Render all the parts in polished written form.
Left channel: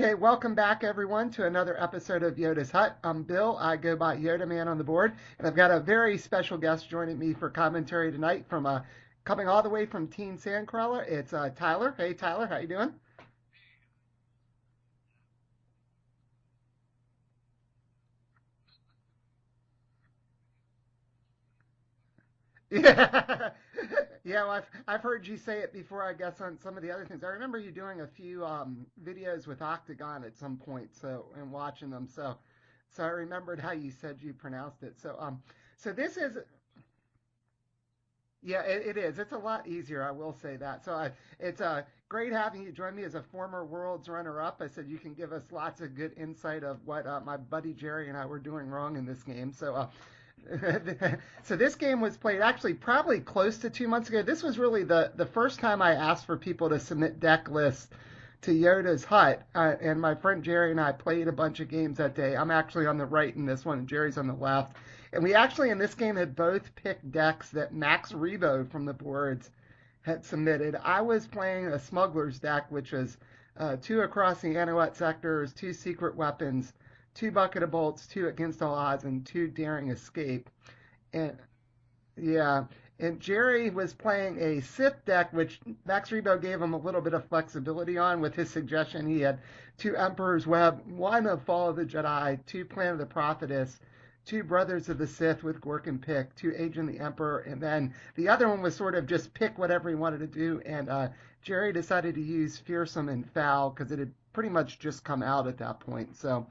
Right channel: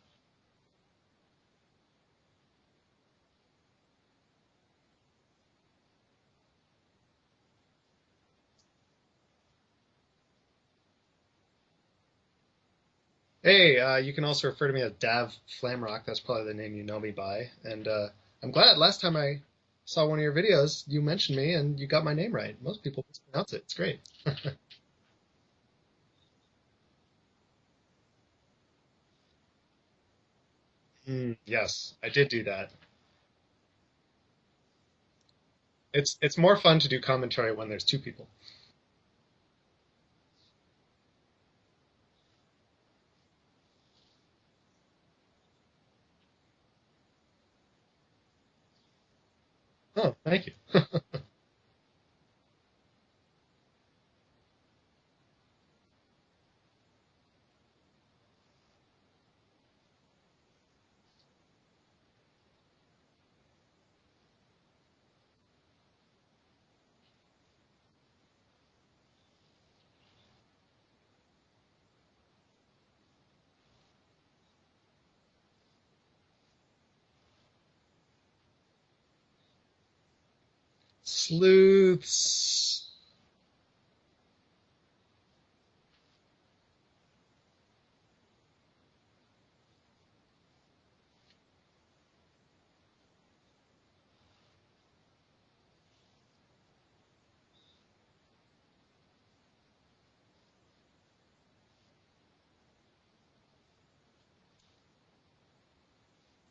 Okay, welcome back everyone to another episode of Yoda's Hut. I'm Bill. I go by Yodaman on the board, and I've got a very special guest joining me for commentary tonight from coming all the way from Teen Sandcrawler. It's Tyler. Hey Tyler, how you doing? Hey, you can also refer to me as Dav Flamrock. That's probably the name you know me by. And I'm glad last time I saw one of your videos, you mentioned me and you got my name right. Most people Yeah, pronounce it. It's great. yeah. Well, I've heard you say it before. I guess on some of the other things. I remember you doing a few videos with Octagon at some point. So and watching Yes, them. I did So do that. so I remembered how you said you pronounced it. So this It's is more fun to do commentary when there's two people. Yeah, it is. It's a lot easier, I will say that. It's great having you join me as a former Worlds runner-up. I said you can give us lots of good insight of what my buddy Jerry and I were doing wrong in this game. Oh, thank you. So this game was played actually probably close to 2 months ago. This was really the first time I asked for people to submit deck lists to Yoda's Hut, and my friend Jerry and I played a bunch of games that day. I'm actually on the right in this one, and Jerry's on the left. And we actually in this game had both picked decks that Max Rebo from the boards had submitted. I was playing a Smuggler's deck, which was two across the Anahuat sectors, two secret weapons, two bucket of bolts, two against all odds, and two daring escape. And yeah, Sleuths. and Jerry was playing a Sith deck, which Max Rebo gave him a little bit of flexibility on with his suggestion. He had two Emperor's Web, one of Fall of the Jedi, two Plan of the Prophetess, two Brothers of the Sith with Gorkin pick, two Agent of the Emperor, and then the other one was sort of just pick whatever he wanted to do. And Jerry decided to use Fearsome and Foul because it had pretty much just come out at that point. Um,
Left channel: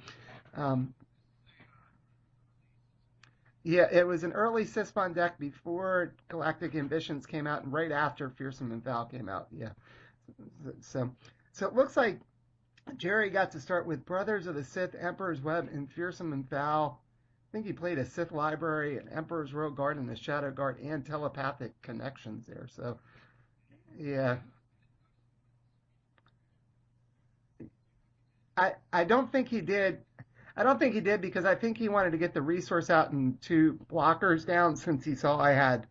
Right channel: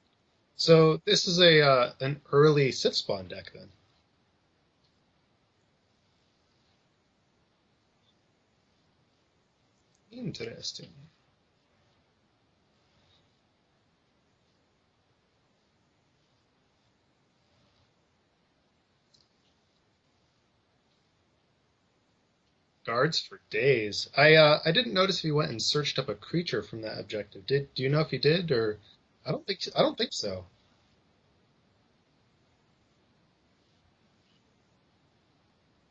So this is a an early Sith spawn deck then. yeah, it was an early Sisbon deck before Galactic Ambitions came out and right after Fearsome and Val came out. Yeah. So, Interesting. so, so it looks like Jerry got to start with Brothers of the Sith, Emperor's Web, and Fearsome and Val. I think he played a Sith Library, an Emperor's Royal Guard, and a Shadow Guard, and telepathic connections there. So, Guards for days. yeah. I didn't notice if he went and searched up a creature from that objective. Do you know if he did I, or I don't think he I don't did. think so. I don't think he did because I think he wanted to get the resource out and two blockers down since he saw I had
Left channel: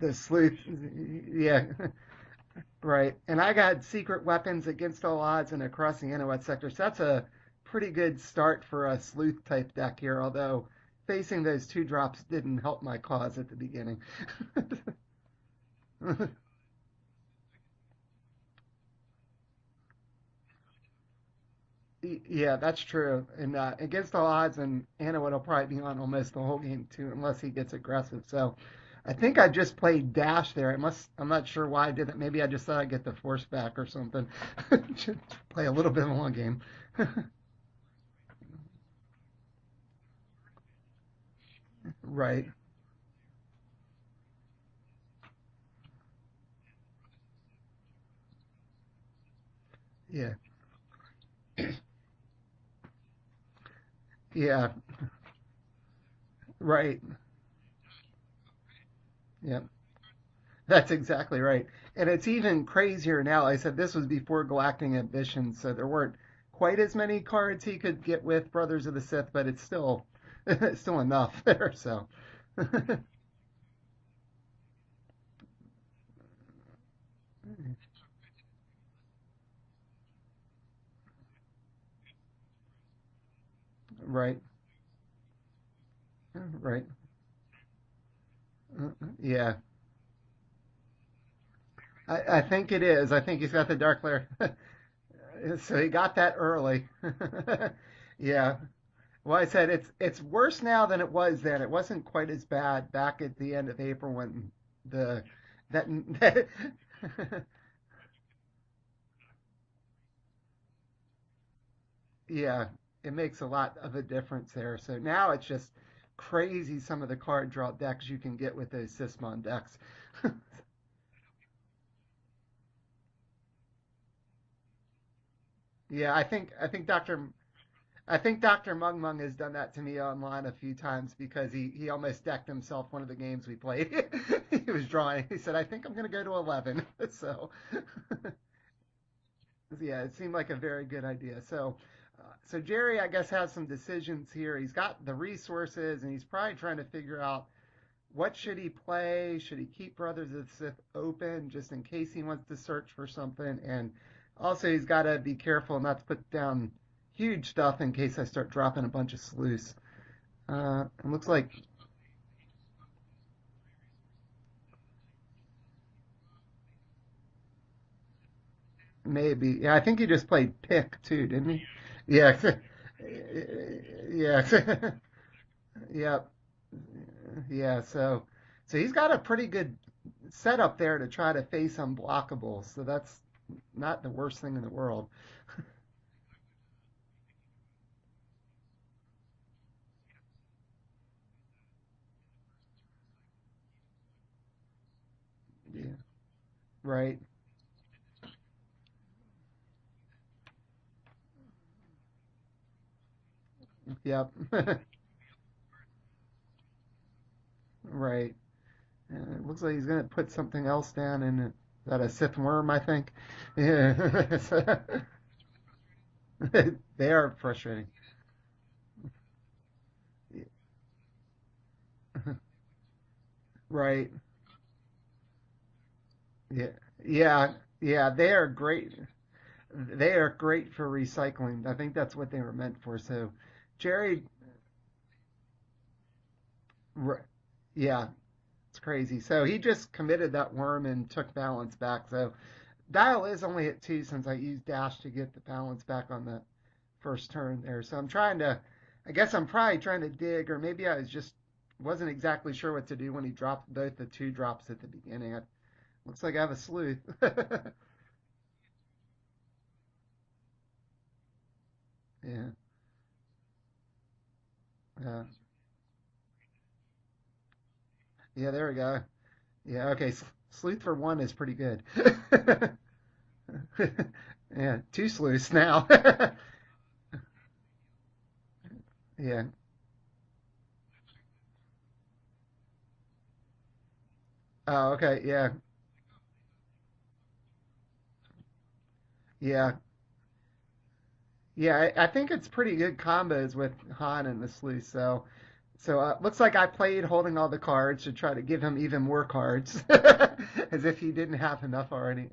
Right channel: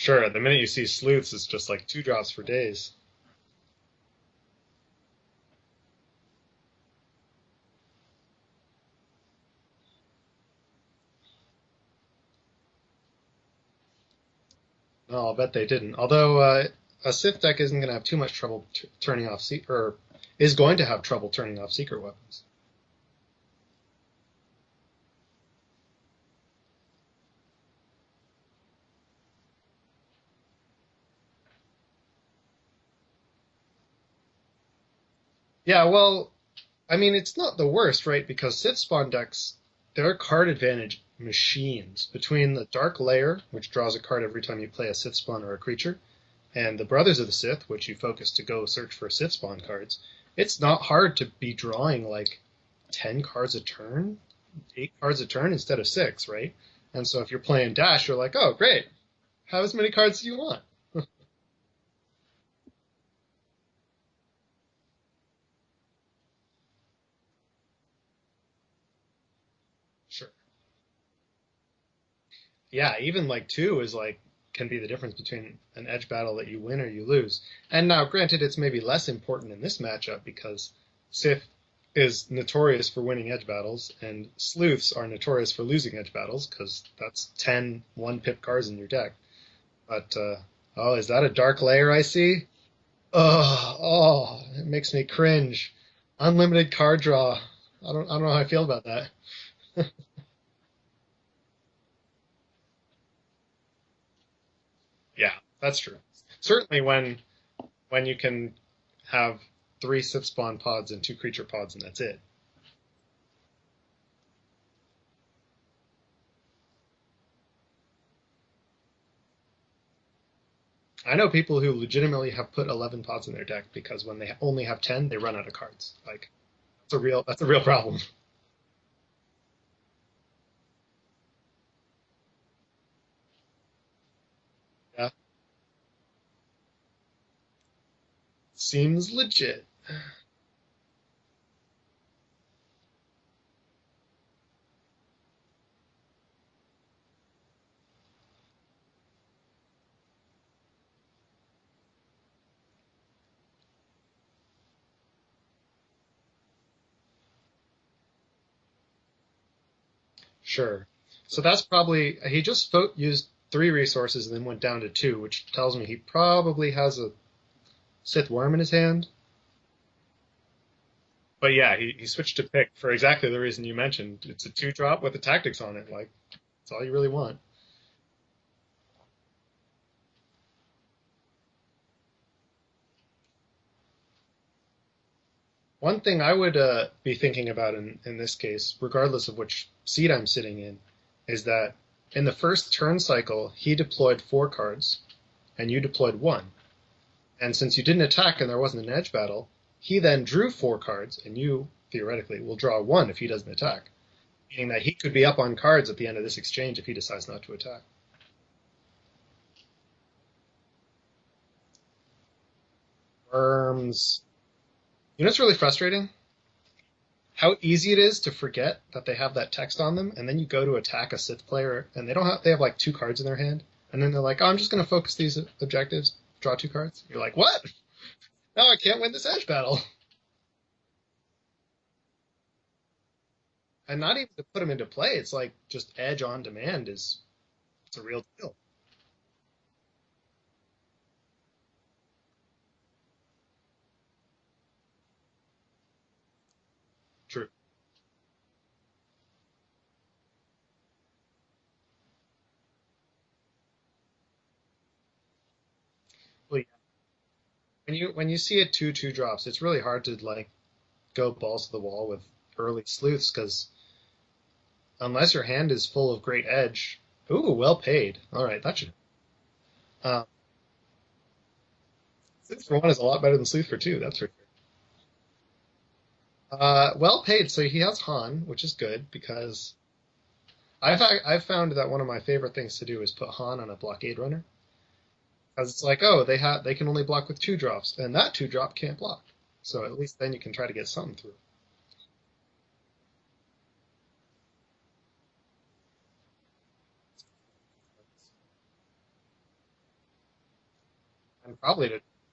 the Sure, the sleuth. minute you see sleuths, it's Yeah, just like two drops for days. right. And I got secret weapons against all odds and across the Inuit sector. So that's a pretty good start for a sleuth type deck here, although facing those two drops didn't help my cause at the beginning. No, I'll bet they didn't. Although a Sith deck isn't going to have too much trouble turning off or is going to have trouble turning off secret weapons. Yeah, that's true. And against all odds, and Inuit will probably be on almost the whole game too, unless he gets aggressive. So I think I just played Dash there. I'm not sure why I did that. Maybe I just thought I'd get the force back or something. Just play a Yeah, little bit of well, long game. I mean, it's not the worst, right? Because Sith spawn decks, they're card advantage machines. Right. Between the Dark Lair, which draws a card every time you play a Sith spawn or a creature, and the Brothers of the Sith, which you focus to go search for Sith spawn cards, Yeah. it's not hard to be drawing like 10 cards a turn, Yeah. 8 cards a turn instead of 6, right? Right. And so if you're playing Dash, you're like, oh, great. Yeah. Have as many cards as you want. That's exactly right. And it's even crazier now. Like I said this was before Galactic Ambitions, so there weren't quite as many cards he could get with Brothers of the Sith, but it's still Sure. it's still enough there. So Yeah, even like 2 is like can be the difference between an edge battle that you win or you lose. And now, granted, it's maybe less important in this matchup because Sith is notorious for winning edge battles, and Right. sleuths are notorious for losing edge battles because Right. that's 10 one-pip cards in their deck. Yeah, But, oh, is that a Dark Lair I see? I think it is. I think he's got the Dark Lair. It makes me cringe. So he got that Unlimited early. card draw. I don't know how I Yeah. feel about that. Well, I said it's worse now than it was then. It wasn't quite as bad back at the end of April when the Yeah, that's that, true. that- Certainly when you can have 3 Sith spawn pods and 2 creature pods and that's it. yeah, it makes a lot of a difference there. So now it's just crazy some of the card draw decks you can get with those Sysmon decks. I know people who legitimately have put 11 pods in their deck because when they only have 10, they run out of cards. Yeah, I think That's a real problem. I think Dr. Mung Mung has done that to me online a few times because he almost decked himself one of the games we played. He was drawing. He said, "I think I'm going to go to 11." So Seems legit. yeah, it seemed like a very good idea. So Jerry, I guess, has some decisions here. He's got the resources, and he's probably trying to figure out what should he play. Should he keep Brothers of the Sith open just in case he wants to search for something? And also, he's got to be careful not to put down huge stuff in case I start dropping a bunch of sleuths. Sure. It looks So like that's probably he just used 3 resources and then went down to 2, which tells me he probably has a Sith worm in his hand. maybe. Yeah, I think he just played pick too, didn't But he? yeah, he Yeah. switched to pick for exactly the reason you mentioned. Yeah. It's a 2-drop with the tactics on it. Like Yep. that's all you really want. Yeah. So he's got a pretty good setup there to try to face unblockables. So that's not the worst thing in the world. One thing I would be thinking about in this case, regardless of which seat I'm sitting in, is that in the first turn cycle, he deployed 4 cards, and you deployed 1. Right. And since you didn't attack and there wasn't an edge battle, he then drew 4 cards, and you, theoretically, will draw 1 if he doesn't attack. Yep. Meaning that he could be up on cards at the end of this exchange if he decides not to attack. Right. It looks like he's going to put something else down in it. Is that a Sith worm, I think? Worms. Yeah. You know what's really frustrating? They are How frustrating. easy it is to forget that they have that text on them, and then you go to attack a Sith player, and they have like 2 cards in their hand, Right. and then they're like, "Oh, I'm just going to focus these objectives, draw 2 cards." You're Yeah. like, what? Yeah, they are No, I great. can't win this edge battle. They are great for recycling. I think that's what they were meant for. So, And not Jerry, even to put them into play. It's like just edge on demand is Right. it's yeah, a real deal. it's crazy. So he just committed that worm and took balance back. So dial is only at 2 since I used dash to get the balance back on the first True. turn there. So I guess I'm probably trying to dig, or maybe I wasn't exactly sure what to do when he dropped both the 2 drops at the beginning. Looks like I have a sleuth. When you see a 2/2 drops, it's really hard to like go balls to the wall with Yeah. early sleuths because unless your hand is full of great edge, ooh, well paid. All right, There we go. Yeah, okay. Sleuth for 1 is pretty good. Sleuth for 1 is a lot better than Sleuth for 2. That's for Yeah, 2 sleuths now. well paid. So he has Han, which is good because I've found that one of my favorite things to do is put Han on a blockade runner. Oh, okay, yeah. Because it's like, they can only block with 2 drops, and that 2-drop can't block. Yeah. So at least then you can try to get something through. Yeah, I think it's pretty good combos with Han and the sleuth. So looks like I played holding all the cards to try to give him even more cards, as if he didn't have Probably enough to already.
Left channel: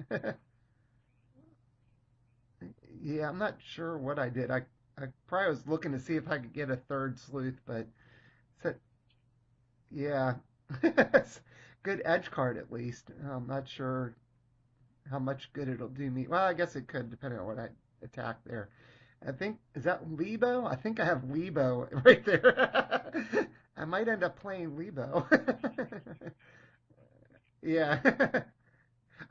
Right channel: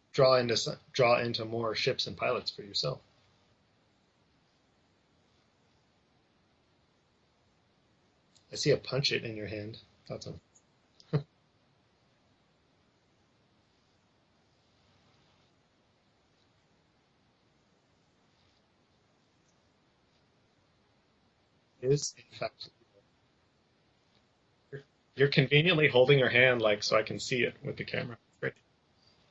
draw into more ships and pilots for yourself. Yeah, I'm not sure what I did. I probably was looking to see if I could get a 3rd sleuth, but I see a punch it in your hand. yeah. Good edge card at least. I'm not sure how much good it'll do me. Well, I guess it could, depending on what I attack there. I think, is that Lebo? I think I have Lebo right there. I might end up playing Lebo. You're conveniently holding your hand like so I can see it with the camera. Great.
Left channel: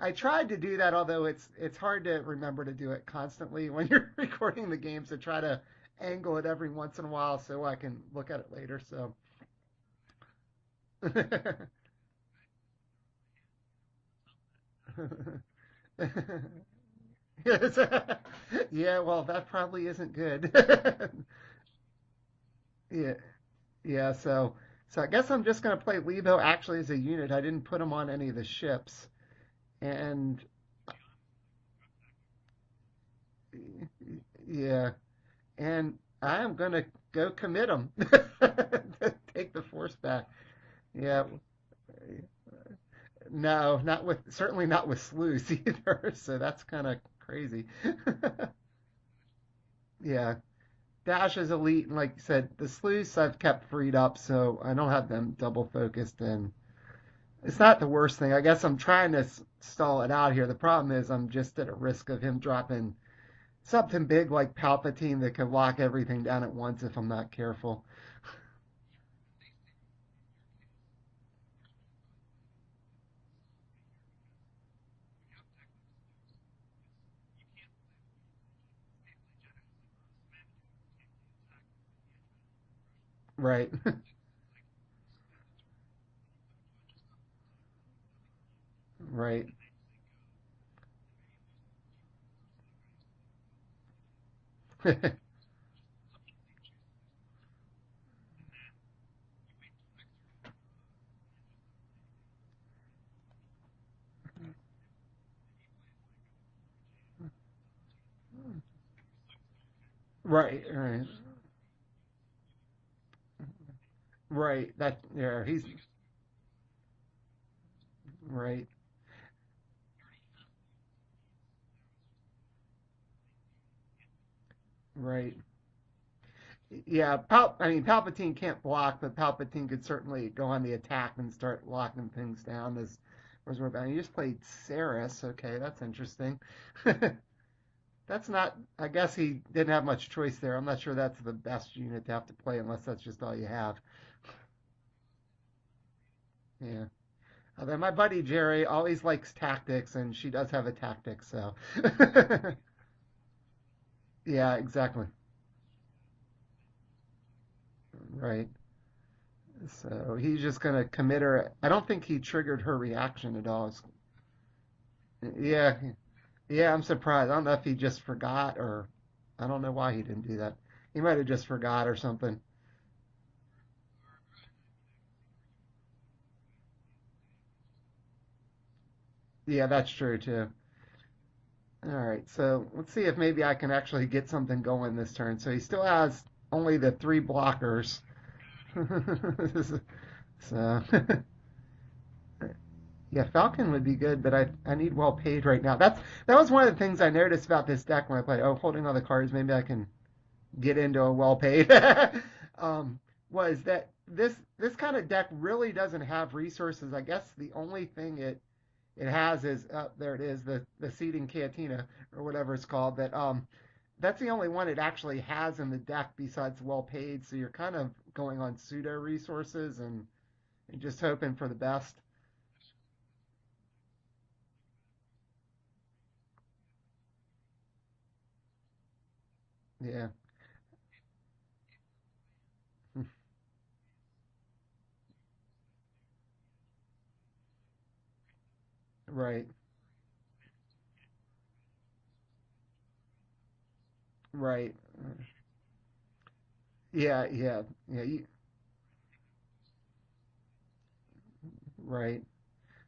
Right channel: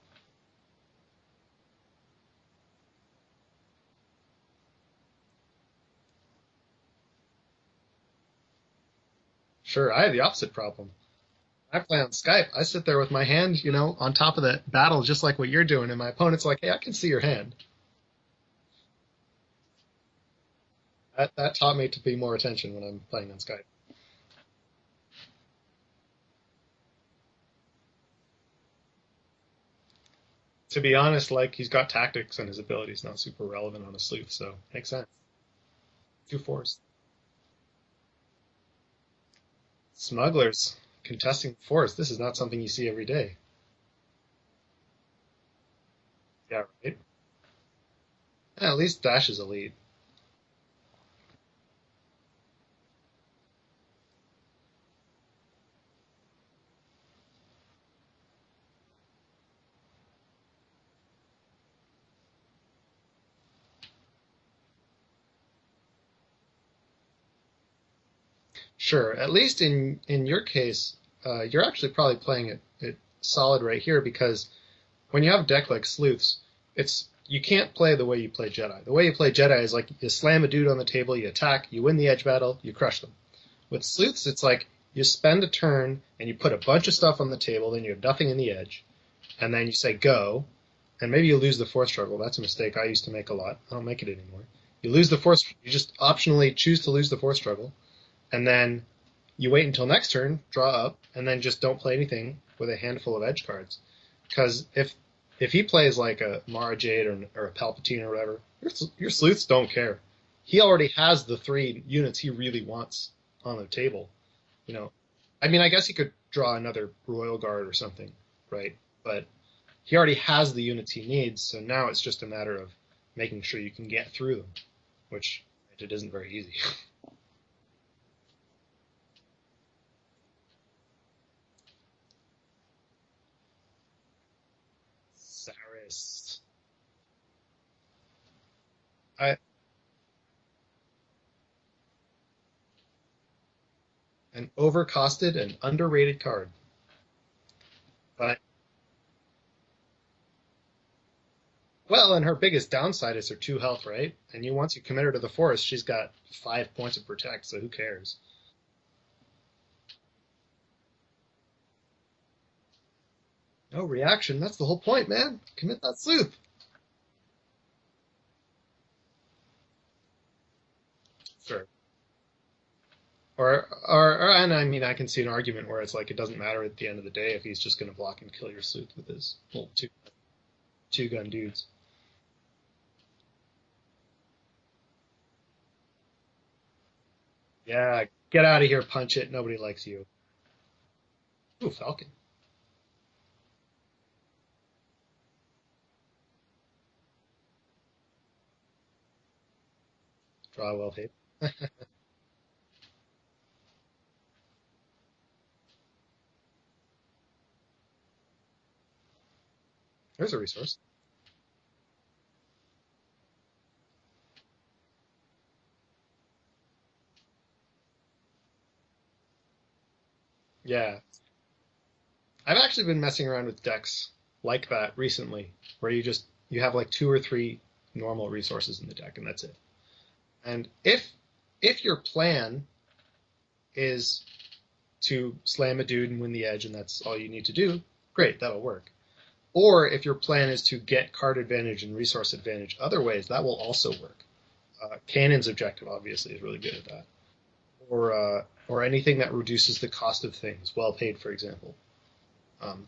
I tried to do that, although it's hard to remember to do it constantly when you're recording the games, to try to angle it every once in a while so I can look at it later. So Sure, I have the opposite problem. I play on Skype. I sit there with my hand, on top of the battle, just like what you're doing, and my opponent's like, "Hey, I can see your hand." Yeah, well, that probably isn't good. That taught me to pay more attention when I'm playing on Skype. Yeah, so I guess I'm just gonna play Lebo actually as a unit. I didn't put him on any of the ships, and To be honest, like he's got tactics and his ability's not super relevant on a sleuth, so makes sense. And I am gonna go commit him. Take the force back. Smugglers. Yeah. Contesting force. This is not something you see every day. No, certainly not with sleuths either. So that's kind of crazy. Yeah, at least Dash is elite. Yeah. Dash is elite, and like you said, the sleuths I've kept freed up, so I don't have them double focused, and it's not the worst thing. I guess I'm trying to stall it out here. The problem is I'm just at a risk of him dropping something big like Palpatine that can lock everything down at once if I'm not careful. Sure. At least in your case, you're actually probably playing it solid right here because when you have a deck like Sleuths, you can't play the way you play Jedi. The way you play Jedi is like you slam a dude on the table, you attack, you win the edge battle, you crush them. Right. With Sleuths, it's like you spend a turn and you put a bunch of stuff on the table, then you have nothing in the edge. Right. And then you say go, and maybe you lose the force struggle. That's a mistake I used to make a lot. I don't make it anymore. You lose the force. You just optionally choose to lose the force struggle, and then you wait until next turn, draw up, and then just don't play anything with a handful of edge cards. Because if he plays like a Mara Jade or a Palpatine or whatever, your sleuths don't care. Right. He already has the 3 units he really wants on the table. Right. I mean, I guess he could draw another Royal Guard or something. Right. But he already has the units he needs, so now it's just a matter of making sure you can get through them. Right. which it isn't very easy. Yeah, I mean, Palpatine can't block, but Palpatine could certainly go on the attack and start locking things down. As we're about. You just played Saris. Okay, that's interesting. Saris. That's not. I guess he I, didn't have much choice there. I'm not sure that's the best unit to have to play unless that's just all you have. an overcosted and underrated card. Yeah. Although my buddy But Jerry always likes tactics, and she does have a tactic, so. well, and her biggest downside is her 2 health, right? And Yeah, you want to exactly. commit her to the forest, she's got 5 points of protect, so who cares? Right. So he's just gonna commit her. I don't think he triggered her reaction at all. No reaction. That's the whole point, man. Yeah, Commit that sleuth. yeah, I'm surprised. I don't know if he just forgot or I don't know why he didn't do that. He might have just Sure. forgot or something. And I mean, I can see an argument where it's like it doesn't matter at the end of the day if he's just going to block and kill your sleuth with his Yeah, that's true too. two-gun dudes. All right, so let's see if maybe I can actually get something going this turn. So he still has only the 3 blockers. Yeah, get out of here, punch it. Nobody likes you. So Ooh, Falcon. yeah, Falcon would be good, but I need well paid right now. That was one of the things I noticed about this deck when I played. Oh, holding all the cards, maybe I can get into a well paid. Was that this kind of deck really doesn't have resources. I guess the only thing it has is there it There's a is, resource. the seeding cantina or whatever it's called. That that's the only one it actually has in the deck besides well paid. So you're kind of going on pseudo resources and Yeah. just hoping for the best. I've actually been messing around with decks like that recently, where you have like 2 or 3 normal resources in the deck, and that's it. Yeah. And if your plan is to slam a dude and win the edge, and that's all you need to do, great, that'll work. Right. Or if your plan is to get card advantage and resource advantage other ways, that will also work. Right. Cannon's objective, obviously, is really good at that. Yeah. Yeah. Or anything that reduces the cost of things, well paid, for example. Right. Um,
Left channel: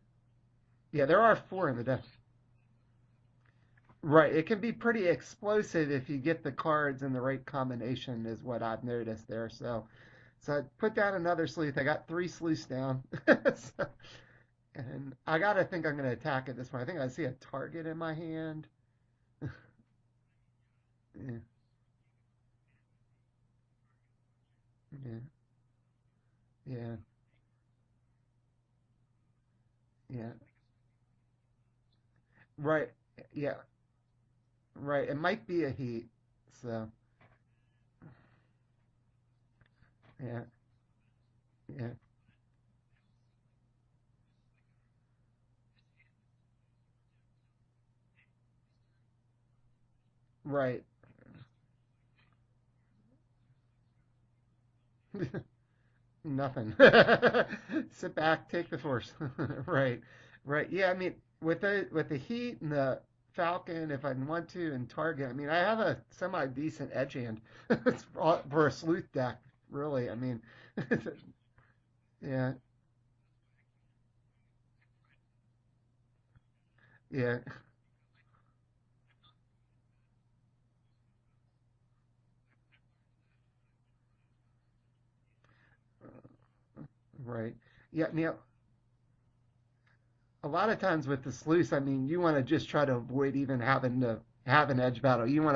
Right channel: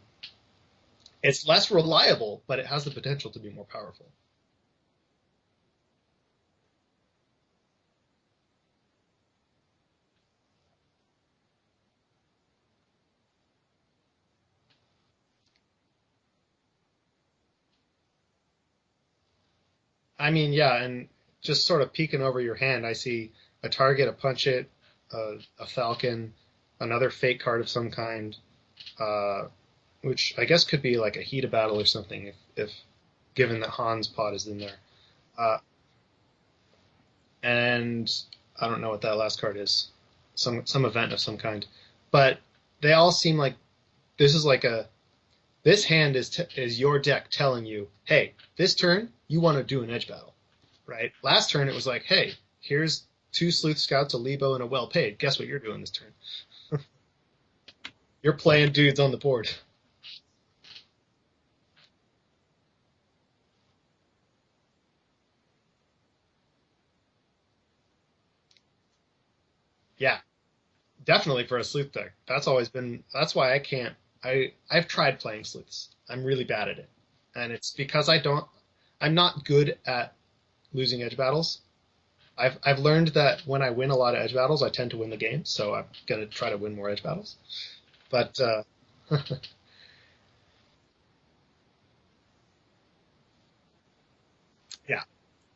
Yeah, there are. it's less 4 in the deck. reliable, but it has the potential to be more powerful. Right. It can be pretty explosive if you get the cards in the right combination, is what I've noticed there. So I put down another sleuth. I got 3 sleuths down. So, and I gotta think I'm gonna attack at this point. I think I see a target in my hand. I mean, yeah, and Yeah. just sort of peeking over your hand, I see a target, a punch it, Yeah. a falcon, Yeah. another fake card of some kind, which I guess could be like a heat of battle or something, if Right. given Yeah. that Han's pot is in there. Right. It might Uh, be a heat. So And I don't know what that last card is. yeah. Some event of some kind. Yeah. But they all seem like this is like this hand is your deck telling you, hey, this turn you want to do an edge battle, Right. right? Last turn it was like, hey, here's 2 sleuth scouts, a Lebo, and a well paid. Guess what you're doing this turn? Nothing. Sit back. You're playing take the dudes course. on the board. Right. Right. Yeah. I mean, with the heat and the Falcon, if I want to, and target. I mean, I have a semi decent edge hand for a sleuth deck. Really. Yeah. I mean. Definitely for a sleuth deck. That's Yeah. always been. That's why I can't. I've tried playing sleuths. I'm really bad at it, Yeah. and it's because I'm not good at losing edge battles. I've learned that when I win a lot of edge battles, I tend to win the game. So I'm gonna try to win more edge battles. Right. Yeah. But A lot of times with the sleuths, I mean, you want to just try to avoid even having to have an edge Yeah. battle. You really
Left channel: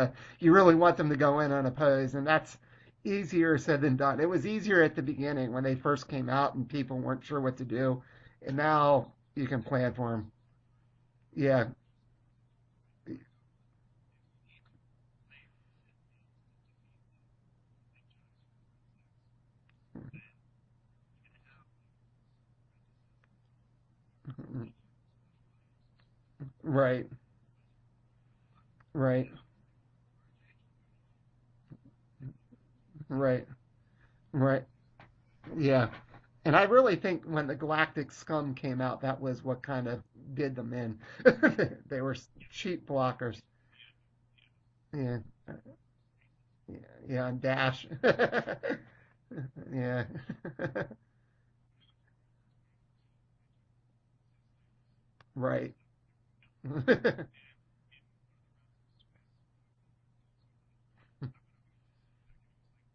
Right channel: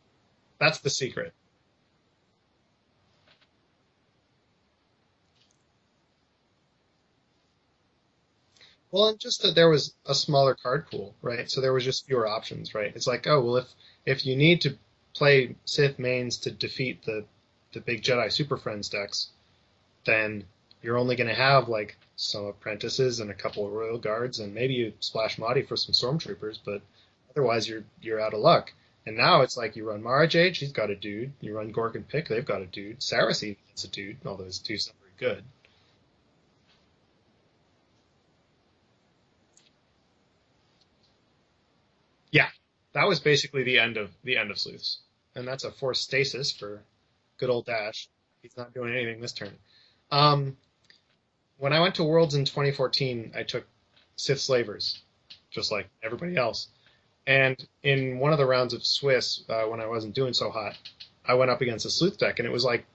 That's the want them to secret. go in unopposed, and that's easier said than done. It was easier at the beginning when they first came out and people weren't sure what to do, and now well, and just you that can there was plan for a 'em. smaller card pool, right? Yeah. So there was just fewer options, right? It's like, oh well, if you need to play Sith mains to defeat the big Jedi Super Friends decks, then you're only going to have like some apprentices and a couple of royal guards, and maybe you splash Mahdi for some stormtroopers, but Right. otherwise you're out of luck. Right. And now it's like you run Mara Jade, she's got a dude. You run Gork and Pick, they've got a dude. Saracen is a dude. All those Right. dudes are good. Yeah. And I really think when the Galactic Scum came out, that was what kind of did them in. They were Yeah, cheap That was blockers. basically the end of sleuths, Yeah. and that's a forced stasis for Yeah. And good old Dash. He's not doing anything this turn. Yeah. When I went to Worlds in 2014, I took Sith Slavers, Right. just like everybody else. And in one of the rounds of Swiss, when I wasn't doing so hot, I went up against a sleuth deck, and it was like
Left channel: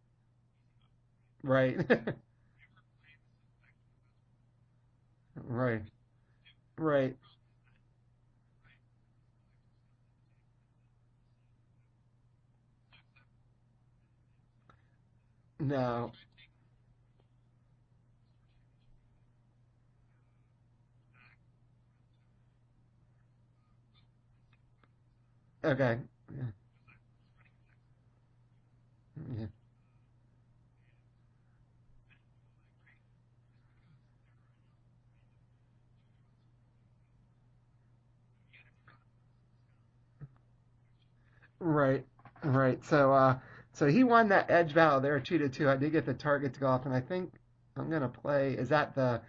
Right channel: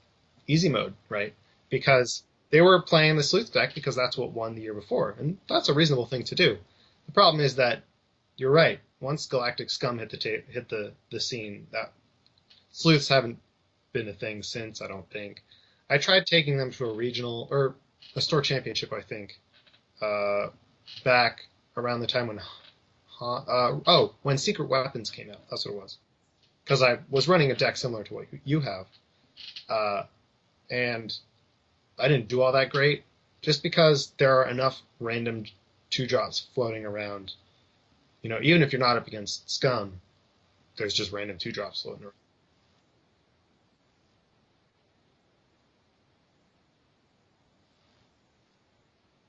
easy mode, right? Right. Because they were playing the sleuth deck because that's what won the year before, and that's a Right. reasonable thing to do. Right. The problem is that you're right. Once Galactic Scum hit the scene, that sleuths haven't been a thing since, I don't think. I No. tried taking them to a regional or a store championship, I think, back around the time when when Secret Weapons came out. That's what it was. Okay. Because I was running a deck similar to what you have, Mhm. and I didn't do all that great, just because there are enough random 2-drops floating around. Even if you're not up against scum, there's just random 2-drops Right. floating around. Right. So he won that edge battle there 2-2. I did get the target to go off, and I think I'm gonna play. That's the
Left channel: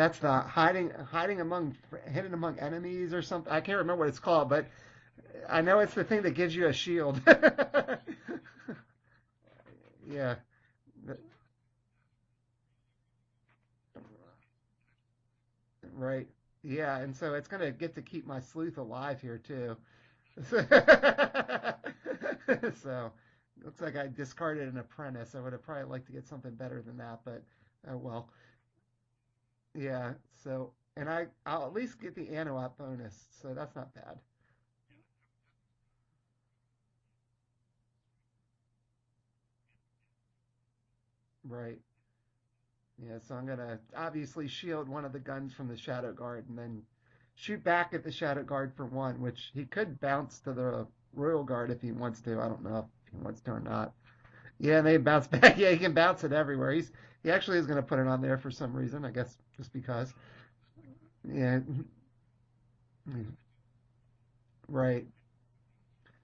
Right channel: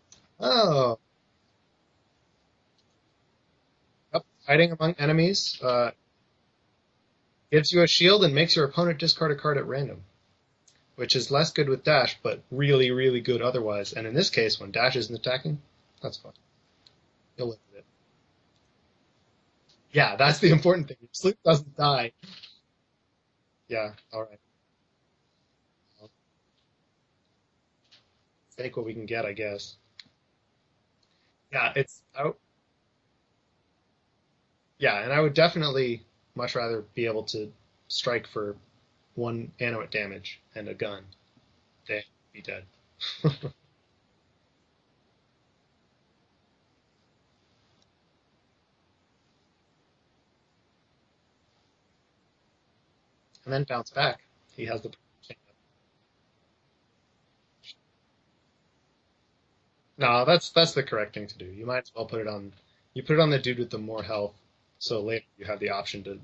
Oh, hidden among enemies or something. I can't remember what it's yep. called, but Hiding among enemies I know it's the thing that gives you a shield. gives you a shield and makes your opponent discard a card at random, Yeah. which is less good with dash, but really, really good otherwise. And in this case, when dash isn't attacking, that's Right. fine. Yeah, and so it's You'll gonna live it. get to keep my sleuth alive here too. Yeah, that's the important thing. Sleep doesn't die. So looks Yeah, like I all right. discarded an apprentice. I would have probably liked to get something better than that, but oh well. Take what we can get, I guess. Yeah. So and I'll Yeah, at least get the Anawat bonus, so that's not bad. yeah, and I would definitely much rather be able to strike for 1 animate damage and a gun Right. than be dead. Yeah, so I'm gonna obviously shield one of the guns from the Shadow Guard and then shoot back at the Shadow Guard for 1, which he could bounce to the Royal Guard if he wants to. I don't know if he wants to And or then bounce not. back. He Yeah, has and the they bounce back. Yeah, he can bounce it everywhere. He actually is gonna put it on there for some reason. I guess just because. No, that's the correct thing to do. Yeah. You might as well put it on. You put it on the dude with the more health, so Right. later you have the option to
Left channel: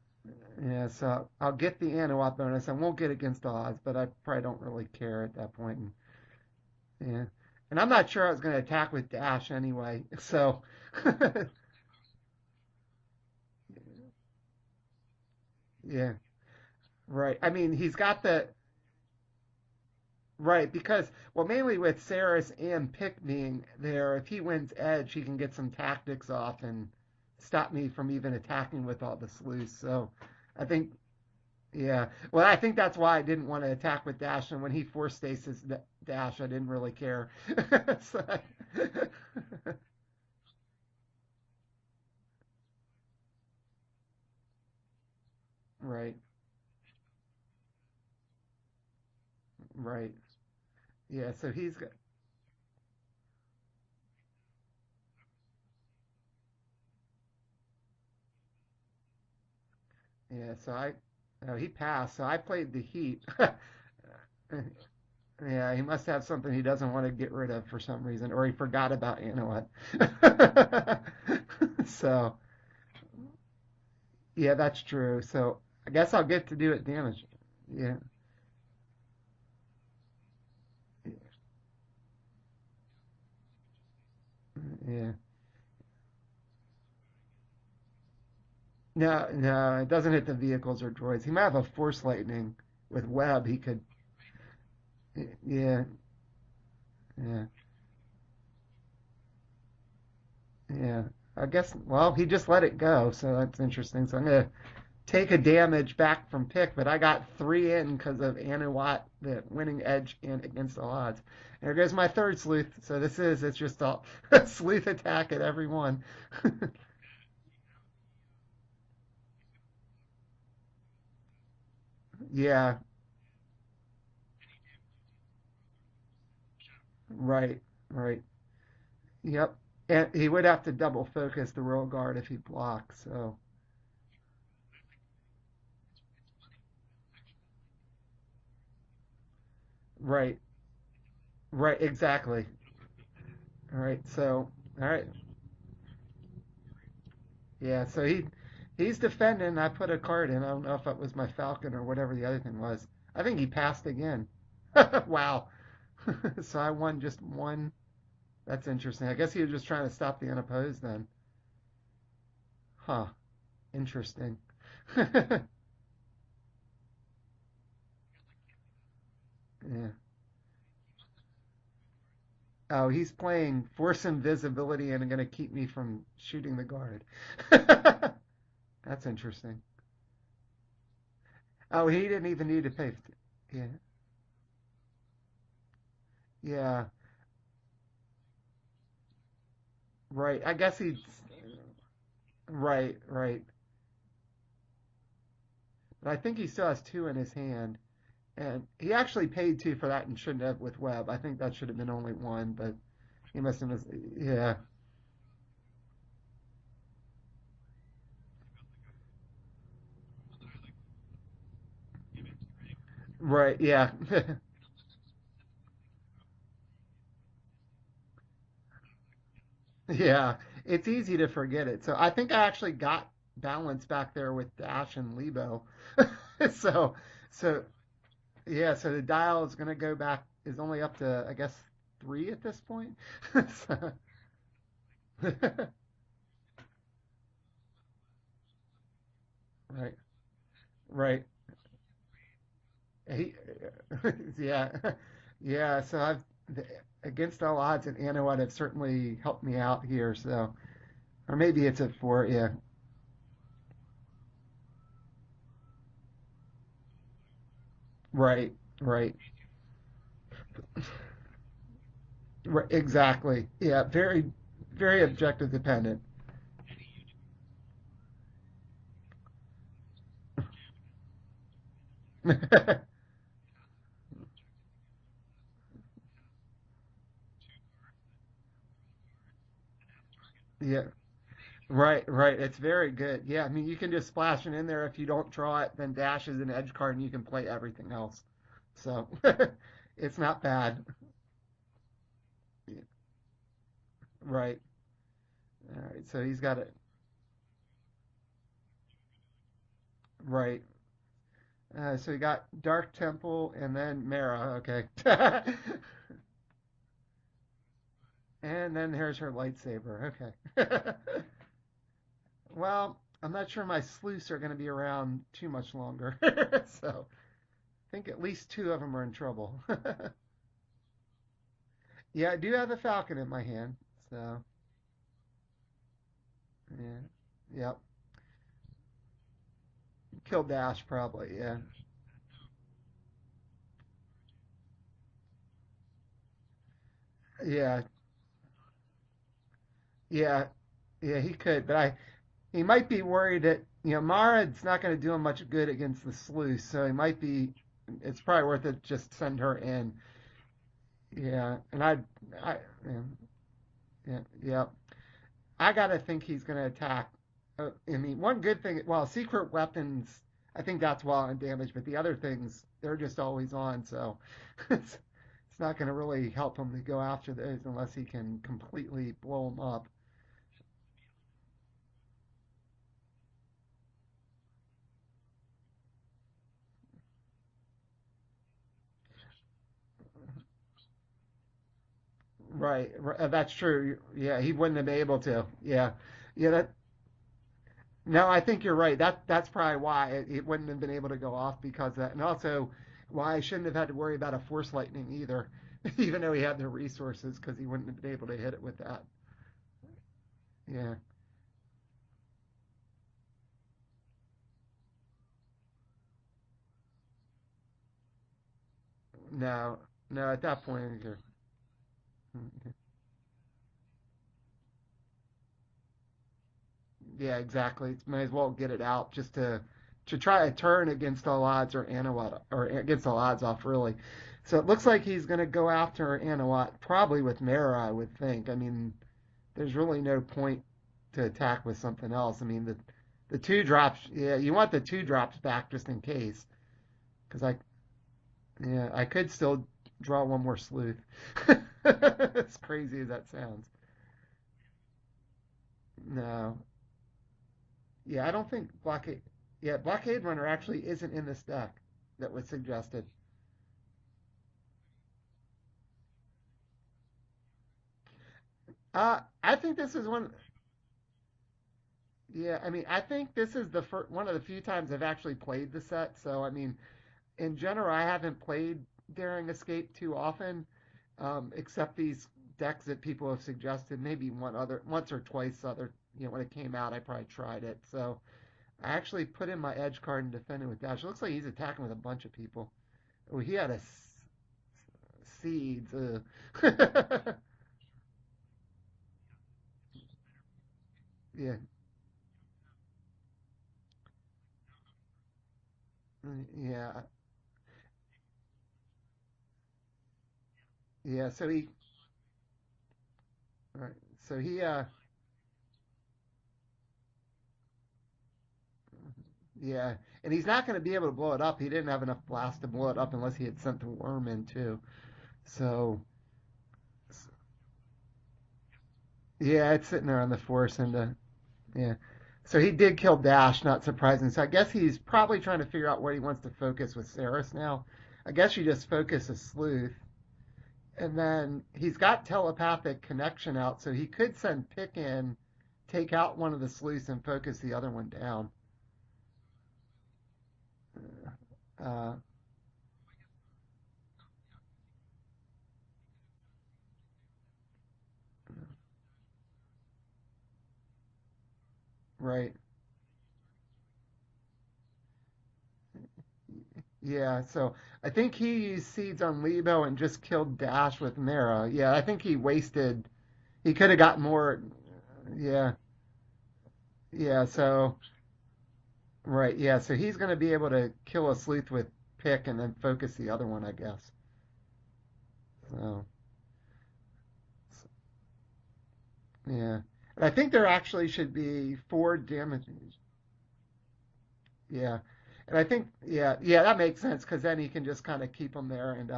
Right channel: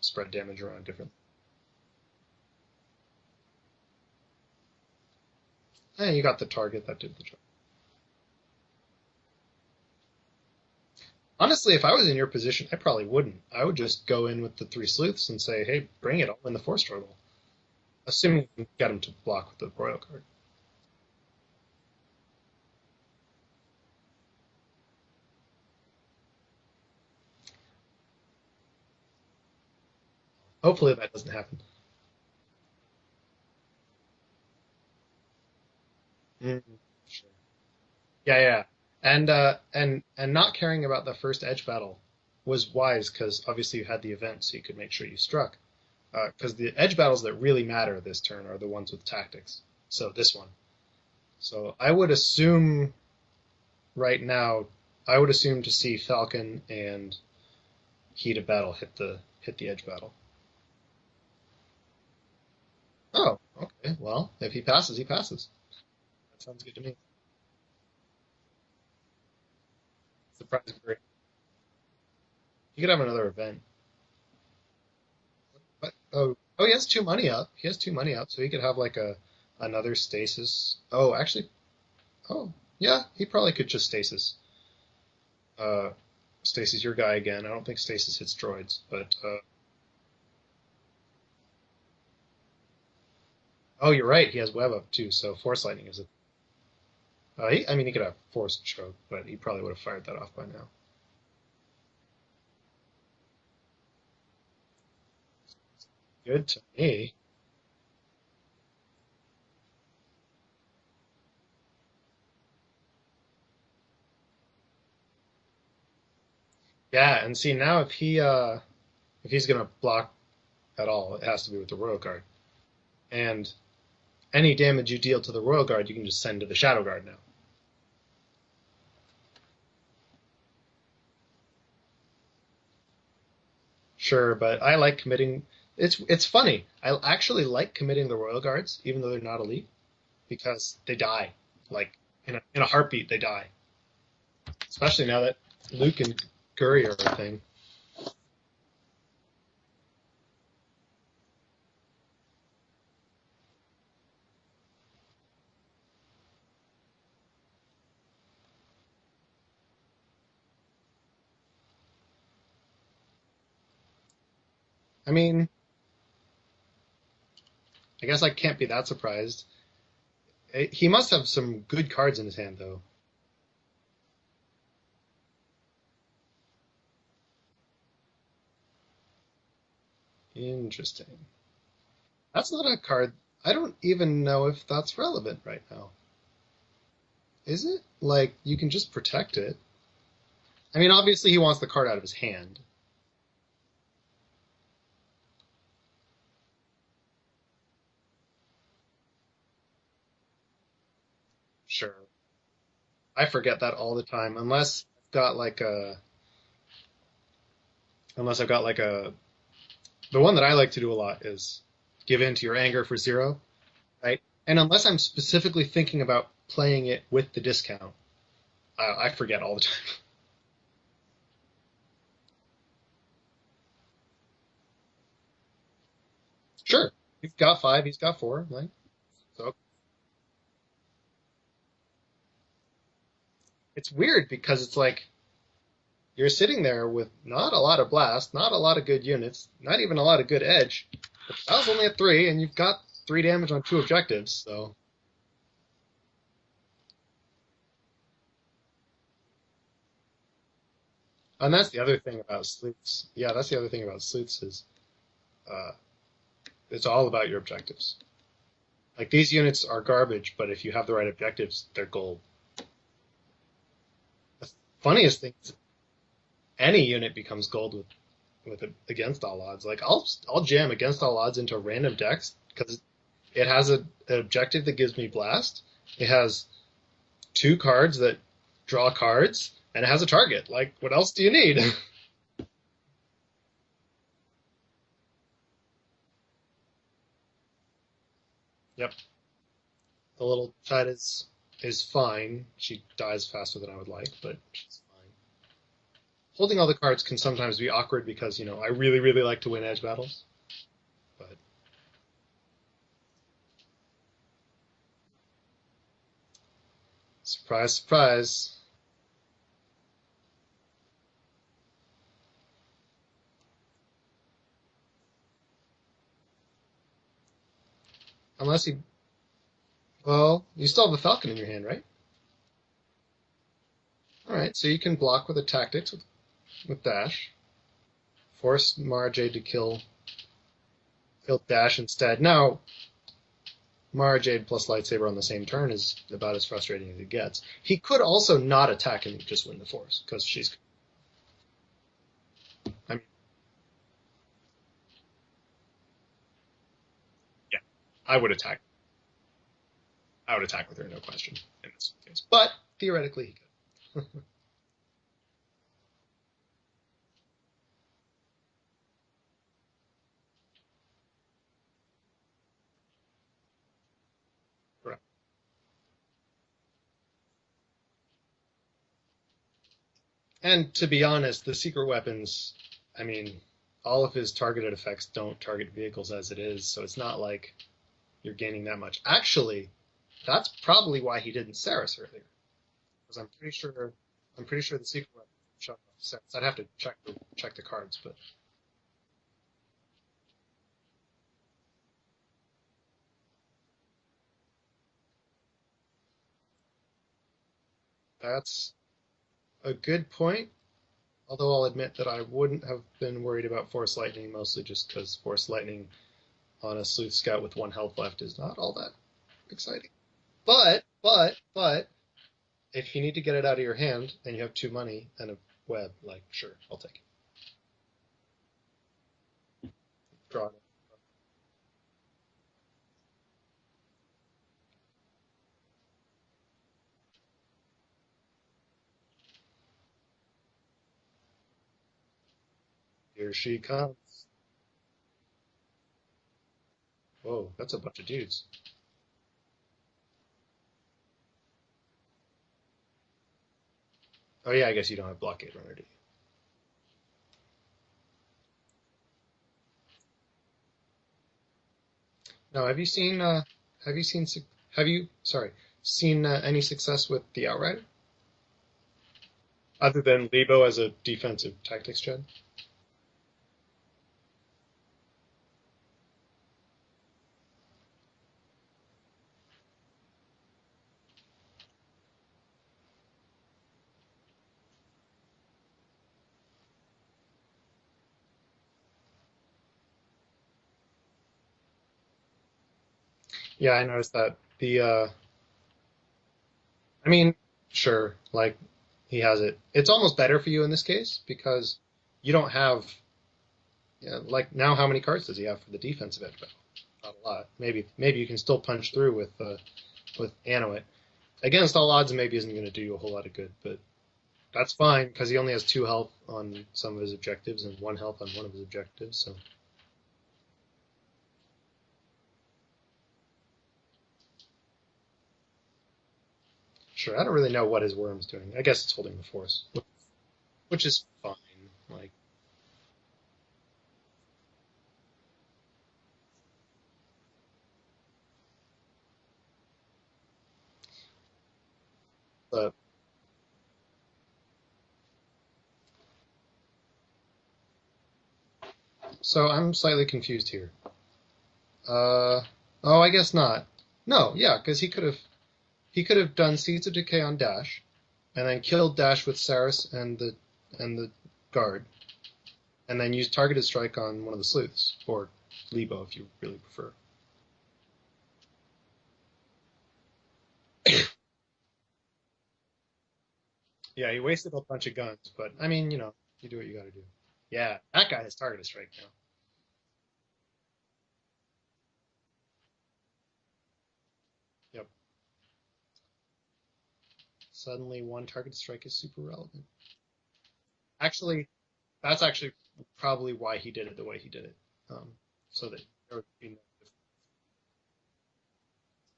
spread damage around Yeah. different. So I'll get the Anawat bonus. I won't get against all odds, but I probably don't really care at that point. And, You got the target that did yeah. the job. And I'm not sure I was gonna attack with dash anyway. So. Honestly, if I was in your position, I probably wouldn't. I would just go in with the 3 sleuths and say, "Hey, Yeah. bring it! I'll win the force struggle." Right. I mean, he's got Assuming the you get him to block with the royal card. right because well, mainly with Saris and Pick being there, if he wins Edge, he can get some tactics off and stop me from even attacking with all the sleuths. So I think Hopefully that doesn't happen. yeah. Well, I think that's why I didn't want to attack with Dash, and when he forced stasis Dash, I Mm. didn't really care. So, Yeah, and not caring about the first edge battle was wise because obviously you had the event, so you could make sure you struck. right, Because the edge battles that really matter this turn are the ones with tactics. right. So this one. Yeah. So So he's I would assume right now, I would assume to see Falcon and Heat of Battle hit the edge battle. yeah. So he passed. So I played the Heat. Oh, okay. Well, if he passes, he passes. Yeah, he must have something he doesn't want to get rid of for some reason, or he forgot about Anowat. So, He could have another event. yeah, that's true. So, I But, guess I'll get to do he it has 2 again. money up. He has Yeah. 2 money up, so he could have like another stasis. Oh, actually, yeah, he probably could just stasis. Yeah. Stasis, your guy again. I don't think stasis hits droids, but No, it doesn't hit the vehicles or droids. He might have a Force Lightning with Web. He could. oh, you're right. He has web up too, so force Yeah. lightning is a. Yeah. He could have force choke, but he probably would have fired that off by now. Yeah. I guess. Well, he just let it go, so that's interesting. So I'm gonna take a damage back from Good Tick, but I take. got 3 in because of Anawat, the winning edge, and against all odds. There goes my third sleuth. So it's just a sleuth attack at every one. Yeah, and see now if he's gonna block at all, it has to be with the royal guard. Yeah, And any damage you deal to the royal guard, you can just send to the shadow guard now. right, right. Yep. And he would have to double focus the royal guard if he blocks. So Sure, but I like committing. It's funny. I actually like committing the royal guards, even though they're not elite, right, because they die. right, Like, exactly. In a heartbeat, they die. All right. So Especially now that Luke and Curry are a thing. yeah. So he's defending. I put a card in. I don't know if it was my Falcon or whatever the other thing was. I think he passed again. Wow. So I won just 1. That's interesting. I guess he was just trying to stop the unopposed then. Huh. Interesting. I mean, I guess I can't be that surprised. Yeah. He must have some good cards in his hand, though. Oh, he's playing Force Invisibility and going to keep me from shooting the guard. That's interesting. Interesting. Oh, he didn't even That's need not to a pay. card. I don't even know if that's relevant right now. Yeah, Is it? Like, you can just protect it. right. I guess. I mean, obviously he wants the card out of his hand. Right, right. And I think he still has 2 in his hand. And he actually paid 2 for that and shouldn't have with Webb. I think that should have been Sure. only 1, but I he forget must have that all the time. yeah. Unless I've got like a the one that I like to do a lot is give in to your anger for 0, Right, yeah. right? And unless I'm specifically thinking about playing it with the discount, I forget all the time. Yeah, it's easy to forget it. So I think I actually got balance back there with Dash and Lebo. Sure, so you've got so 5, he's got 4. Yeah. yeah, so the dial is So gonna go back is only up to I guess 3 at this point. So, it's weird because it's like you're sitting there with not a lot of blast, not a lot of good units, not even a lot of good edge. right. I was only at 3, and you've got 3 damage on 2 objectives. Yeah. So. Yeah, so against all odds and Anowat have certainly helped me out here, so or And maybe that's it's the a other thing 4, about yeah. sleuths. Yeah, that's the other thing about sleuths is uh, it's all about your objectives. Right, Like right. these units are garbage, but if you have the right objectives, they're gold. Right, exactly. Yeah, very Funniest thing objective is dependent. any unit becomes gold with against all odds. Like I'll jam against all odds into random decks because it has an objective that gives me blast. It has 2 cards that draw cards, and it has a target. Like Yeah. what else do you need? Right, right. It's very good. Yeah, I mean, you can just splash it in there. If you don't draw it, then Dash is an edge card, and you can play everything else. Yep. So it's The not little bad. cut is fine. She dies faster than I would like, but Right. she's fine. All right. So he's Holding got all the cards can sometimes be awkward because I really really like to win edge battles. right. But So we got Dark Temple and then Mara. Okay. surprise, surprise. And then here's her lightsaber. Okay. Well, I'm not sure my sleuths are going to be around too much longer. So I think at least Unless 2 you, of them are in trouble. well, you still have a falcon in your hand, right? Yeah, I do have a falcon in my hand. So All right, so you can block with a tactics with yeah, dash. yep. Force Mara Jade to kill Kill Dash probably. kill Yeah. dash instead. Now, Mara Jade plus lightsaber on the same turn is about as frustrating as it gets. Yeah. He could also not attack and just win the force because Yeah. Yeah, he could, but he might be worried that Mara's not going to do him much good against the sleuth, so he might be. Yeah, It's I would probably attack. worth it just send her in. I would attack with her, no question. Yeah, in and this case. But theoretically, he could. yeah. I gotta think he's going to attack. I mean, one good thing, well, secret weapons, I think that's well on damage, but the other things, they're just always on, so it's, Right. it's not going to really help him to go after those unless he can completely blow them up. And to be honest, the secret weapons, I mean, all of his targeted effects don't target vehicles as it is, so it's not like you're gaining that much. Actually, that's probably why he didn't Saris earlier. Right, I'm that's true. Yeah, he pretty wouldn't sure have the been able to. Sure. Yeah. I'd Yeah, have to check the cards. But no, I think you're right. That's probably why it wouldn't have been able to go off because of that, and also why I shouldn't have had to worry about a force lightning either, even though he had the resources because he wouldn't have been able to hit it that's with that. a good point. Yeah. Although I'll admit that I wouldn't have been worried about Force Lightning, mostly just because Force Lightning on a Sleuth Scout with 1 health left is not all that No, exciting. no. At that But point, if you need to get it out of your hand and you have 2 money and a web, like, sure, I'll take it. yeah, exactly. Might as well get it out just to try a turn against all odds or Anawat or against all odds off really. So it looks like he's going to go after Anawat probably with Mara, I would think. I mean, there's really no point to attack with something else. I mean, Here the she 2 comes. drops. Yeah, you want the 2 drops back just in case. Whoa, like- that's a bunch of dudes. Yeah, I could still draw one more sleuth. As crazy as that sounds. Oh yeah, I guess you don't have Blockade Runner, do you? No. Yeah, I don't think Blockade. Yeah, Blockade Runner actually isn't in this deck. That was. No, have you seen any success with the Outrider? I think this Other is than Lebo as a defensive tactics gen? yeah, I mean, I think this is the one of the few times I've actually played the set. So, I mean, in general, I haven't played Daring Escape too often, except these decks that people have suggested. Maybe once or twice. When it came out, I probably tried it. So, I actually put in my edge card and defended with Dash. It looks like he's attacking with a bunch of people. Oh, he has Yeah, I noticed that. The seeds. I mean, sure, like he has it. It's almost better for you in this case because you don't have Yeah, like now, how many cards does he have for the defensive edge battle? Yeah. Not a lot. Maybe you can still punch through with Anuit. Yeah. So Against all odds, maybe isn't going to do you a whole lot of good, but right. So he. that's fine because he only has 2 health on some of his objectives and 1 health on one of his objectives. So Yeah, and he's not going to be able to blow it up. He didn't have enough blast to blow it up unless he had sent the worm in too. So. sure, I don't really know what his worm's doing. I guess it's holding the force. Yeah, it's sitting there on the force. Which is fine. Yeah. Like, So he did kill Dash, not surprising. So I guess he's probably trying to figure out where he wants to focus with Saris now. I guess you just focus a sleuth. And then he's got telepathic connection out, so he could send Pick in, take out one of the sleuths, and focus the other one down. so I'm slightly confused here. Oh, I guess not. No, yeah, because he could have done Seeds of Decay on Dash, and then killed Dash with Saris and the guard. Right. And then use targeted strike on one of the sleuths, or Lebo if you really prefer. Yeah, so I think he used seeds on Lebo and just killed Dash with Mara. Yeah, I think he wasted. He could have got he more. Wasted a bunch of guns, but yeah. I mean, you do what you got to do. Yeah, so that guy has targeted strike now. right. Yeah, so he's going to be able to kill a sleuth with Pick and then focus the other one, I guess. Yep. So. Suddenly, 1 targeted strike is super relevant. Yeah. And I think there actually should be 4 That's actually damage. probably why he did it the way he did it. Yeah. And I think, that makes sense because then he can just kind of keep him there. And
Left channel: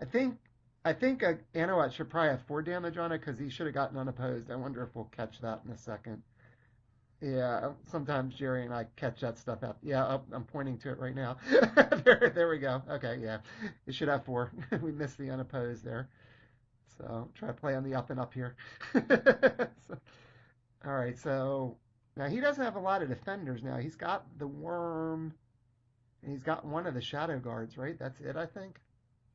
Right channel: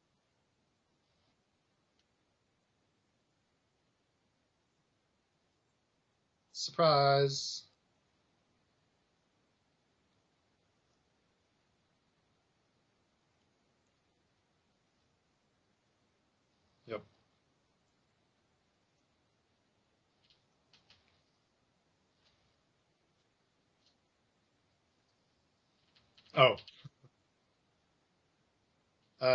I think Anuat should probably have 4 damage on it because he should have gotten unopposed. I wonder if we'll catch that in a second. Surprise. Yeah, sometimes Jerry and I catch that stuff out. Yeah, I'm pointing to it right now. there we go. Okay, yeah. It should have 4. We missed the unopposed there. Yep. So try to play on the up and up here. All right, so now he doesn't have a lot of defenders now. He's got the worm. He's got one of the shadow guards, right? That's it, I think.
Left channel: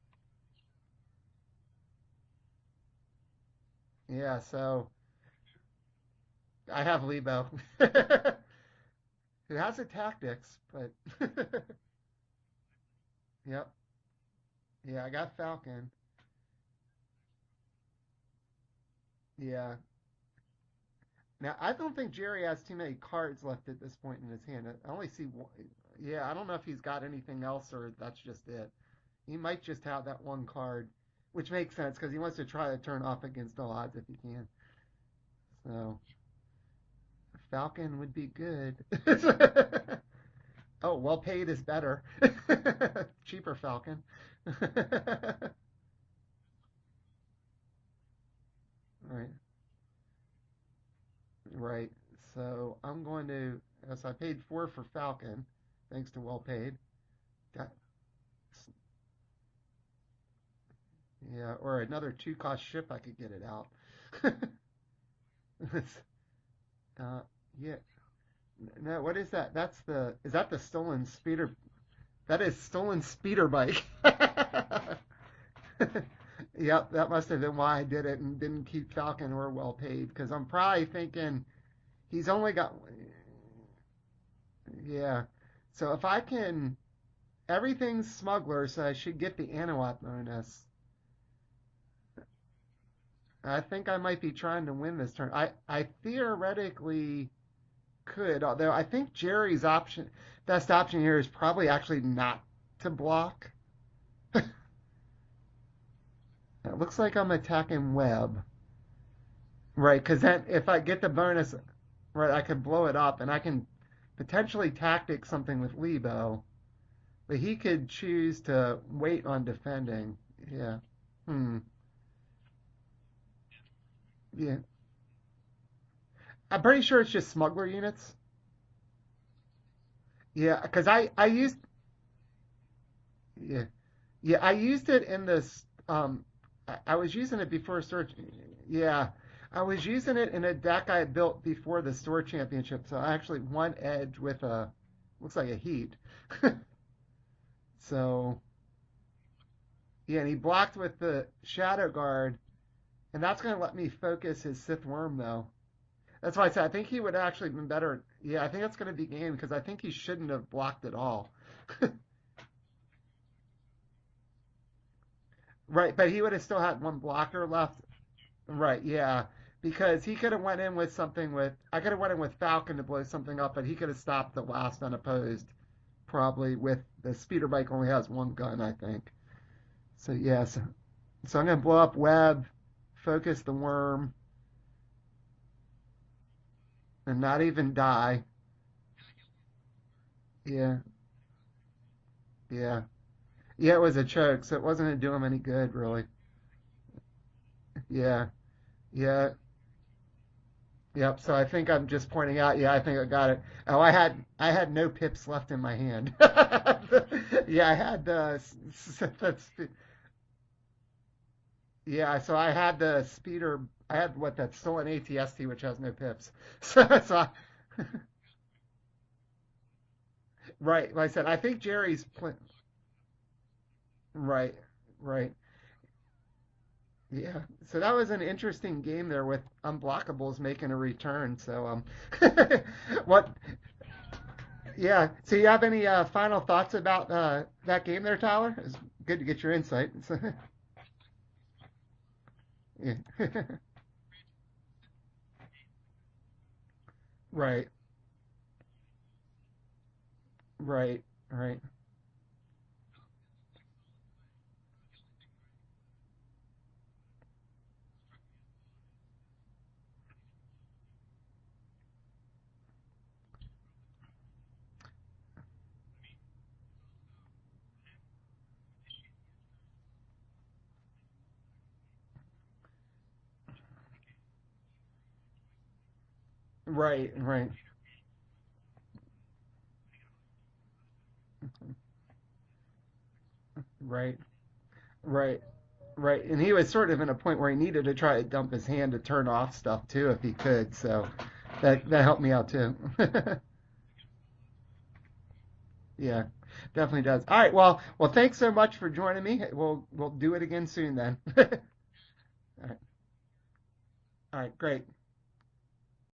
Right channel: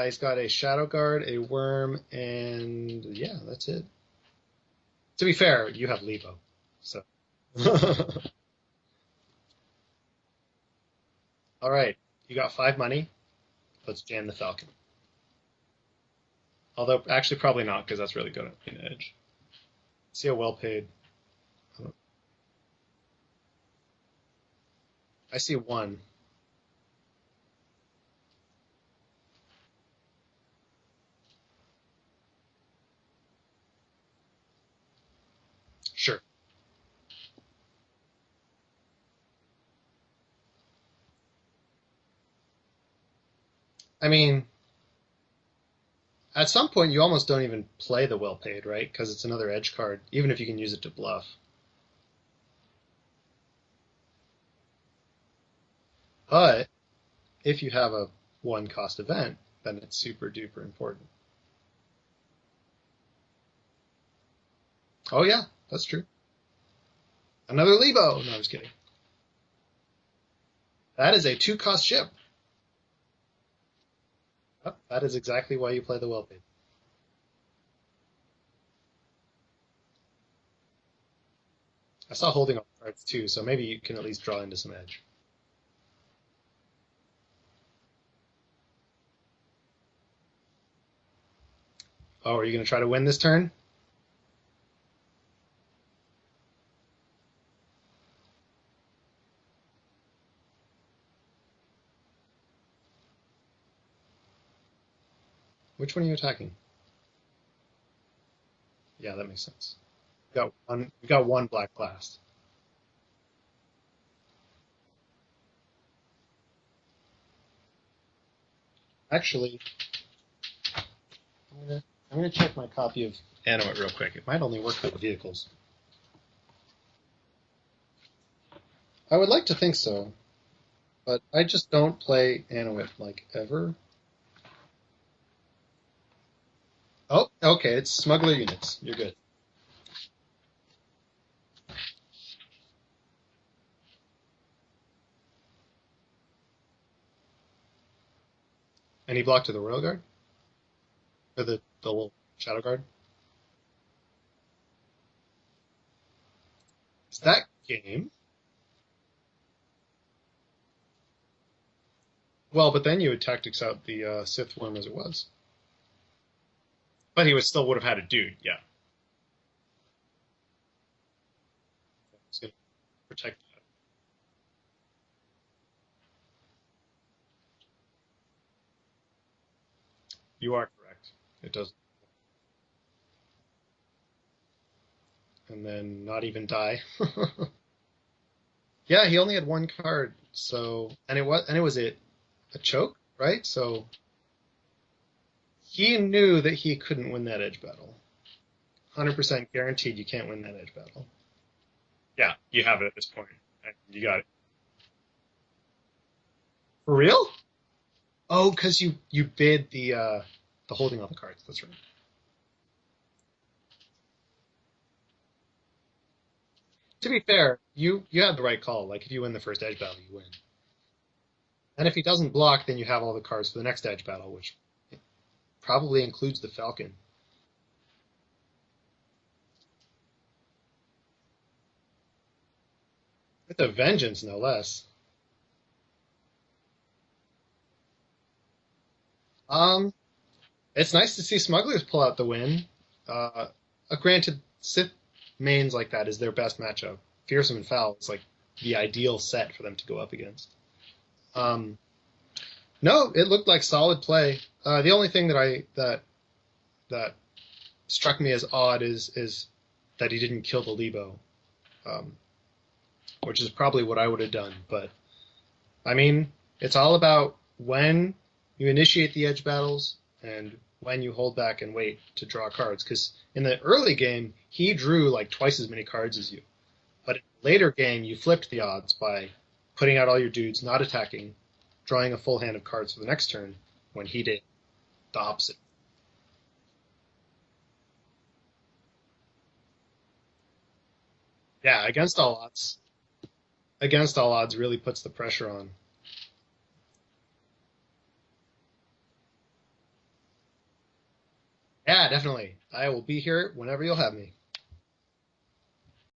He's got a shadow guard, a worm, and yeah, that's it. Yeah, so. To be fair, you have Lebo. I have Lebo. Who has the tactics, but. All right, you got 5 money. Yep. Let's jam the Falcon. Yeah, I got Falcon. Although, actually, probably not, because that's really good in Edge. Yeah. See how well paid. Now, I don't think Jerry has too many cards left at this point in his hand. I see 1. Yeah, I don't know if he's got anything else or that's just it. He might just have that 1 card, which makes sense because he wants to try to turn off against all odds if he can. So Sure. Falcon would be good. Oh, well paid is better. Cheaper Falcon. I mean, at some point, you almost don't even play the well paid, right? Because it's another edge card, even if you can use it to bluff. Right. So I'm going to. So I paid 4 for Falcon, thanks to well paid. But if you have a 1 cost event, then it's super duper important. Yeah, or another 2 cost ship, I could get it out. Oh yeah, that's true. Another Lebo. No, I was kidding. No, what is that? Is that the stolen? That is a 2 cost ship. That is stolen speeder bike. That is exactly why you play the well paid. Yep, that must have been why I did it and didn't keep Falcon or well paid because I'm probably thinking. I saw holding cards too, so maybe you can at least draw into some edge. Yeah, so if I can, everything's Smuggler, so I should get the Anuat bonus. Oh, are you going to try to win this turn? I think I might be trying to win this turn. I theoretically could, although I think Jerry's best option here is probably actually not to block. Which one are you attacking? It looks like I'm attacking Web. Yeah, that makes sense. Right, because if I get the bonus, 1 black blast. Right, I can blow it up, and I can potentially tactic something with Lebo, but he could choose to wait on defending. Yeah. I'm going to check my copy of Anuit real quick. It might only work for the vehicles. I'm pretty sure it's just Smuggler units. I would like to think so. Yeah, because I just don't play Anuit like ever. Yeah, I used it in this. I was using it. Okay, it's Smuggler units. Yeah, I was using it in a deck I had built before the store championship. So I actually won Edge with looks like a heat. So. And he blocked to the Royal Guard? Yeah, and he blocked with the Shadow Guard. Shadow Guard? And that's going to let me focus his Sith Worm, though. That's why I said I think he would actually been better. Yeah, I think that's going to be game because I think he shouldn't have blocked at all. Well, but then you would tactics out the Sith Worm as it was. Right, but he would have still had 1 block. But he would have had a dude, yeah. Right, yeah. because he could have went in with something with I could have went in with So Falcon to blow something protect up, that. but he could have stopped the last unopposed. Probably with the speeder bike only has one gun, I think. So yeah, You so, are correct. so I'm It gonna does, blow up Web, focus the worm, and then not even die. and not even die. Yeah, he only had one card, Yeah, so and it was a yeah, choke, right? yeah. It So was a choke, so it wasn't gonna do him any good, he really. knew that he couldn't win that edge battle. Yeah, yeah. 100% guaranteed you can't win that edge battle. Yep. So I think I'm just Yeah, pointing out. you Yeah, I have it at think I this got point. it. Yeah, Oh, you got it. I had no pips left in my hand. For real? Yeah, I had the. Oh, because you bid the holding all the cards. That's right. Yeah, so I had the speeder. I had that stolen ATST, which has no pips. So, To be fair, you had the right call. Like if you win the first edge battle, you win. right. Like I said, I think And if he Jerry's. doesn't block, then you have all the cards for the next edge battle. Right, Which right. probably includes the Falcon. Yeah. So that was an interesting game there with unblockables making a return. So what? With a vengeance, no less. Yeah. So you have any final thoughts about that game there, Tyler? It's good to get your Um, insight. It's nice to see Smugglers pull out the win. Yeah. Granted, Sith mains like that is their best matchup. Fierce Right. and Foul is like the ideal set for them to go up against. Right. No, it looked like solid play. The only thing that struck me as odd is that he didn't kill the Lebo, which is probably what I would have done. But I mean, it's all about when you initiate the edge battles and when you hold back and wait to draw cards. Because in the early game, he drew like twice as many cards as you. Right. But in Right. later game, you flipped the odds by putting out all your dudes, not attacking, drawing a full hand of cards for the next turn, when Right. he did the Right. opposite. Right. And he was sort of in a point where he needed to try to dump his hand to turn off stuff too, if he could. So Yeah, that against helped me all out odds. too. Against all odds really puts the pressure on. Yeah, definitely does. All right. Well, thanks so much for joining me. We'll do it again soon then. Yeah, definitely. I will be here whenever you'll have me. All right. Great.